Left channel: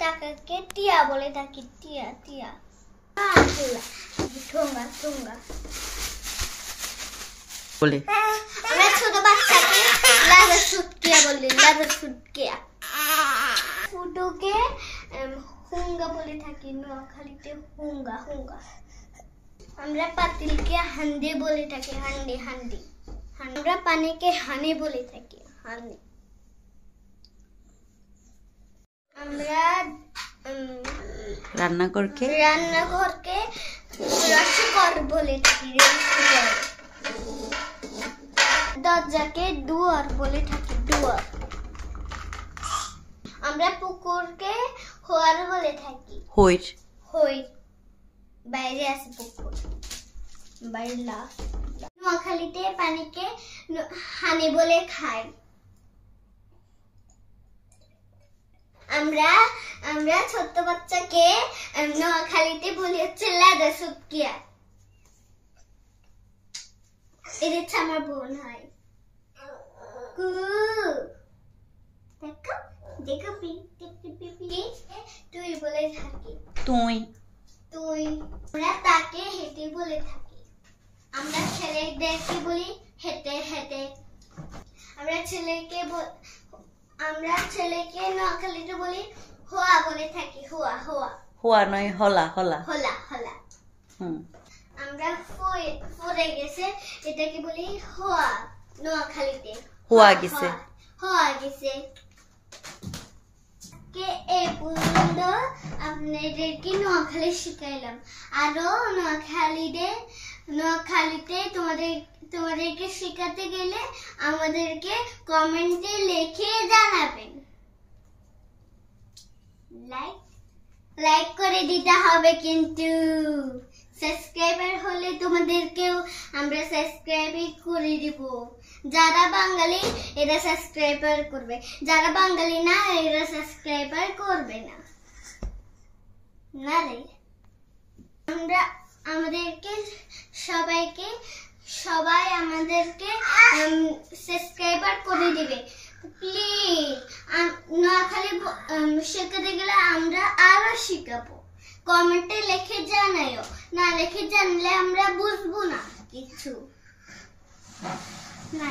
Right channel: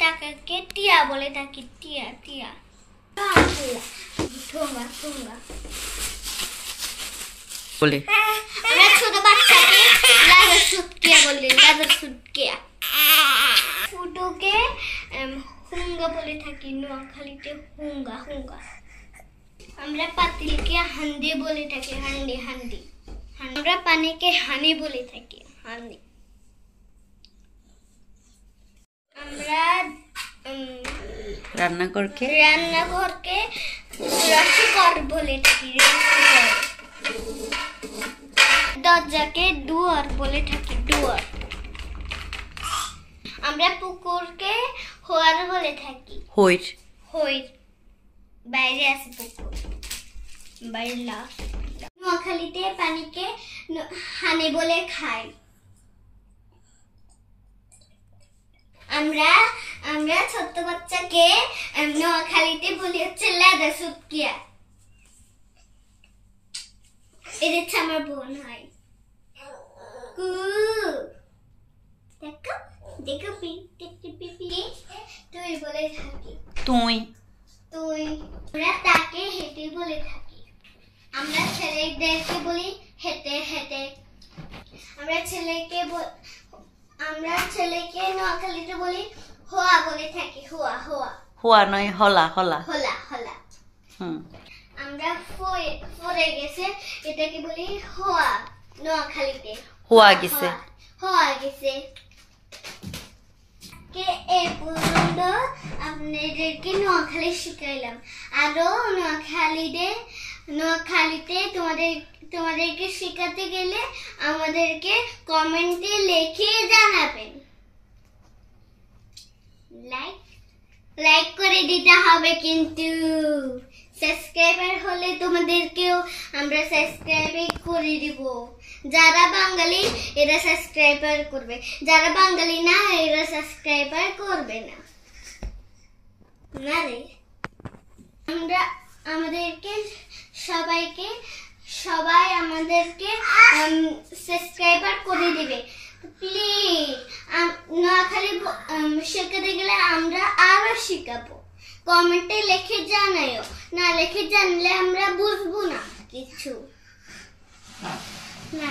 টাকাকে টিয়া বলে থাকি। টিয়া টিয়া ঠোঙ্গা ঠোঙ্গা বলে। আমরা ছোট বাচ্চাকে লাদার সুটকিয়া বলি। লাদার সুটকিয়া। ফুটোকে হুঙ্গা বলে থাকি। নোয়াখালীতে হুঙ্গা হুঙ্গা। আমরা পাতিলকে হান্ডি বলে থাকি। হান্ডি হান্ডি। আমরা পানিকে হানি বলে থাকি। হানি। আমরা রান্নাঘরকে রসঘর বলে থাকি। রসঘর। দরজাকে দুয়ার বলে থাকি। দুয়ার। আমরা পুকুরকে হোয়ার বলে থাকি। হইর। হইর। বাইরে আছে পুকুর। বাইরে লাভ। নোয়াখালীতে পানিকে হানি বলে খাই। আমরা ছোট বাচ্চাকে নোয়াখালীতে বলি হচ্ছে লাদা সুটকিয়া। এটা হচ্ছে আমার বোন হয়। দেখো দেখো তুই বলে থাকি। তুই। তুই। আমরা তাকে হেঁটে বলে থাকি। আমরা ছেলেদেরকে বলি হেঁটে হেঁটে। আমরা ছেলেকে নোয়াখালীতে বলি হোয়া বলে থাকি। হোয়া হোয়া। হোয়া নয় হলা হলা। হলা হলা। আমরা পড়ে গেছে এটাকে বলি হোয়া নোয়াখালীতে। হোয়া গেছে। হোয়া গেছে। কে এই পর্যন্ত আপনাদেরকে নোয়াখালী শিখাইলাম। আরো নোয়াখালীতে তোমাদেরকে শেখাতে গেলে আমাদেরকে কমেন্টে লিখে জানাবেন। লাইক করে দিতে হবে কিন্তু। সাবস্ক্রাইবার হলে তোমাদেরকেও আমরা সাবস্ক্রাইব করে দিব। যারা বাঙালি এরা সাবস্ক্রাইবার করবে। যারা বাঙালি না এরা সাবস্ক্রাইবার করবে না। না রে। সবাই আমাদেরকে সাবস্ক্রাইবার করে দিবে প্লিজ। নোয়াখালী শেখাতে গেলে আমরা আরো শিখাবো। কমেন্টে লিখে জানাইও। না লিখে জানলে আমরা বুঝবো না কিছু। না।